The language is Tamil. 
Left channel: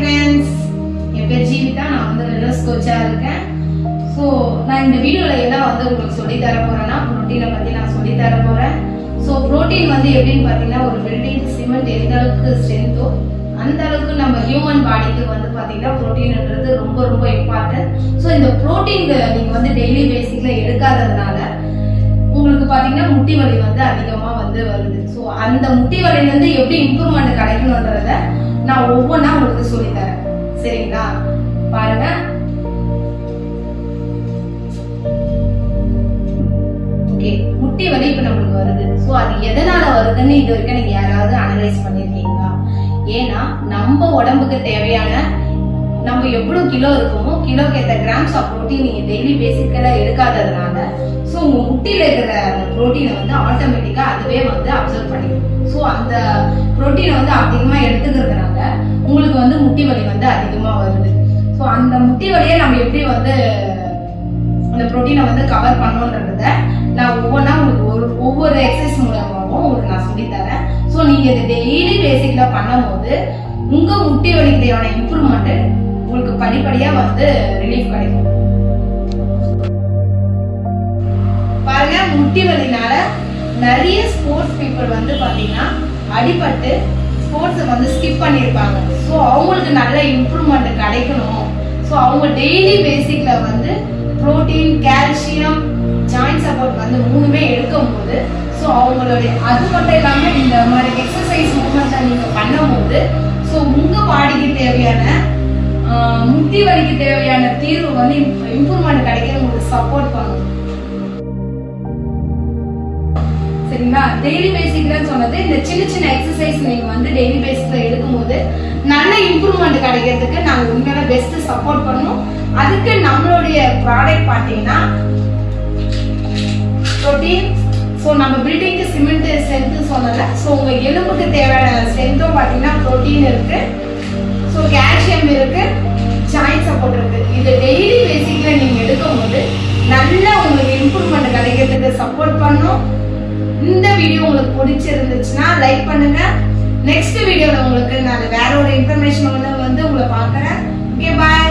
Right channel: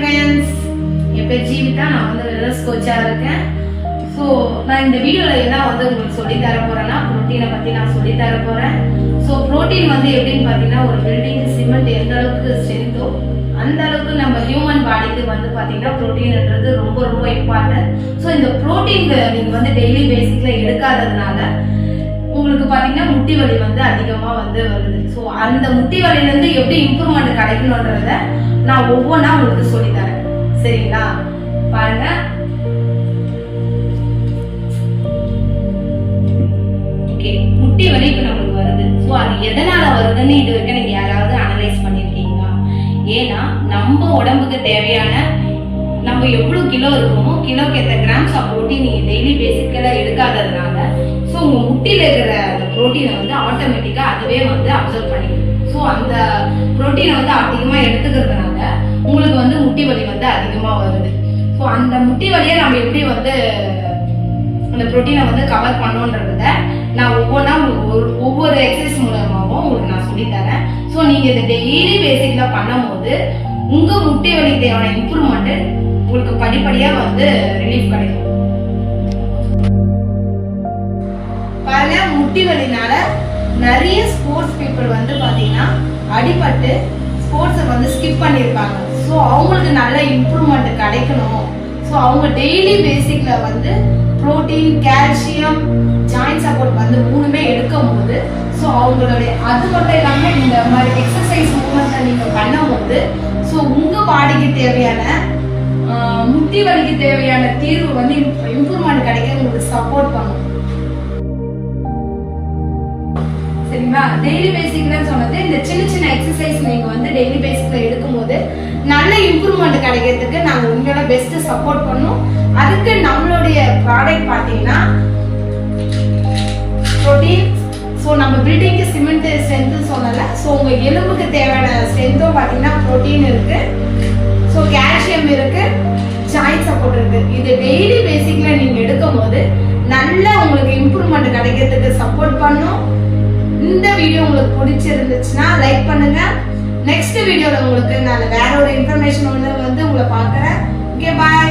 friends, என் பேர் ஜீவிதா. நான் வந்து வெல்னஸ் கோச்சா இருக்கேன். ஸோ நான் இந்த வீடியோவில் என்ன வந்து உங்களுக்கு சொல்லி தர போறேன்னா ப்ரோட்டீனை பற்றி நான் சொல்லி தர போறேன். ஸோ ப்ரோட்டீன் வந்து எப்படின்னு பார்த்தீங்கன்னா ஒரு பில்டிங் சிமெண்ட் எந்த அளவுக்கு ஸ்ட்ரென்த்தோ அந்த அளவுக்கு நம்ம ஹியூமன் பாடிக்கு வந்து பார்த்தீங்கன்னா ப்ரோட்டீன்ன்றது ரொம்ப ரொம்ப இம்பார்ட்டன்ட். ஸோ இந்த ப்ரோட்டீன் நீங்கள் வந்து டெய்லி பேசிக்கில் எடுக்காததுனால உங்களுக்கு பார்த்தீங்கன்னா முட்டி வலி வந்து அதிகமாக வந்து வருது. ஸோ அந்த முட்டி வலியிலேருந்து எப்படி இம்ப்ரூவ்மெண்ட் கிடைக்கணுன்றத நான் ஒவ்வொன்றா உங்களுக்கு சொல்லித்தரேன். சரிங்களா? பாருங்க. ஓகே, முட்டி வலி இப்போ நம்மளுக்கு வருது. ஸோ அது எதனால வருதுன்னு இது வரைக்கும் நீங்க யாராவது அனலைஸ் பண்ணியிருக்கீங்களா? ஏன்னா நம்ம உடம்புக்கு தேவையான நம்ம எவ்வளவு கிலோ இருக்கோமோ கிலோக்கு ஏற்ற கிராம்ஸ் ஆஃப் ப்ரோட்டீன் நீங்க டெய்லி பேசிக்கலா எடுக்காததுனால ஸோ உங்க முட்டியில இருக்கிற அந்த ப்ரோட்டீனை வந்து ஆட்டோமேட்டிக்கா அதுவே வந்து அப்சர்வ் பண்ணிக்கும். ஸோ அந்த ப்ரோட்டீனை வந்து அதிகமா எடுத்துக்கிறதுனால உங்களுக்கு வந்து முட்டி வலி வந்து அதிகமா வருது. ஸோ அந்த முட்டி வலியை நம்ம எப்படி வந்து அந்த ப்ரோட்டீனை வந்து கவர் பண்ணோன்றத நான் ஒவ்வொன்றா உங்களுக்கு ஒவ்வொரு எக்ஸசைஸ் மூலமாகவும் உங்களுக்கு நான் சொல்லித்தரேன். ஸோ நீங்க இதை டெய்லி பேசிக்கலா பண்ணும் போது உங்க முட்டி வலிக்கு தேவையான இம்ப்ரூவ்மெண்ட் உங்களுக்கு படிப்படியா வந்து ரிலீஃப் கிடைக்கும். பாருங்க, முட்டி வலினால நிறைய ஸ்போர்ட்ஸ் பீப்புள் வந்து பாத்தீங்கன்னா அடிபட்டு ஸ்போர்ட்ஸை வந்து ஸ்கிப் பண்ணியிருப்பாங்க. ஸோ அவங்களுக்கு நல்ல இம்ப்ரூவ்மெண்ட் கிடைக்கணும். ஸோ அவங்க டெய்லி பேசிக்ல வந்து புரோட்டீன், கால்சியம், ஜாயிண்ட் சப்போர்ட் வந்து மூணுமே எடுக்கும் போது ஸோ அவங்களுடைய அது மட்டும் இல்லாமல் இந்த மாதிரி எக்ஸசைஸ் மூவ்மெண்ட்டை நீங்க பண்ணும் போது ஸோ உங்க பாடிக்கு தேவையான முட்டி வலிக்கு தேவையான தீர்வு வந்து இம்ப்ரூவ்மெண்ட் கிடைக்க உங்களுக்கு சப்போர்ட் பண்ணும். சரிங்களா? டெய்லி பேசிக்ல சொன்னது இந்த சின்ன சின்ன எக்ஸசைஸ் நீங்க வந்து டெய்லி பேசிக்ல எடுக்கும்போது நல்ல இம்ப்ரூவ்மெண்ட் கிடைக்கிறதுக்கு நாங்க உங்களோட பெஸ்ட் சப்போர்ட் பண்ணுவோம். அதுக்கு நம்மளுடைய ப்ராடக்ட் பார்த்தீங்கன்னா ப்ரோட்டீன். ஸோ நம்ம பில்டிங்க்கு சிமெண்ட் ஸ்ட்ரென்த் சொன்னல. ஸோ உங்க எலும்புக்கு தேவையான ஸ்ட்ரென்த்தும் பார்த்தீங்கன்னா ப்ரோட்டீன் இருக்கு. ஸோ கால்சியம் இருக்கு, ஜாயிண்ட் சப்போர்ட் இருக்கு. இது டெய்லி பேசிக்ல நீங்க எடுக்கும் போது நல்ல உங்களுக்கு இம்ப்ரூவ்மெண்ட் கிடைக்கிறதுக்கு சப்போர்ட் பண்ணும். இந்த வீடியோ உங்களுக்கு பிடிச்சிருந்துச்சுன்னா லைக் பண்ணுங்க. நெக்ஸ்ட் வீடியோல உங்களுக்கு நான் வேற ஒரு இன்ஃபர்மேஷன் வந்து உங்களை பார்க்குறேன். ஓகே, பாய்.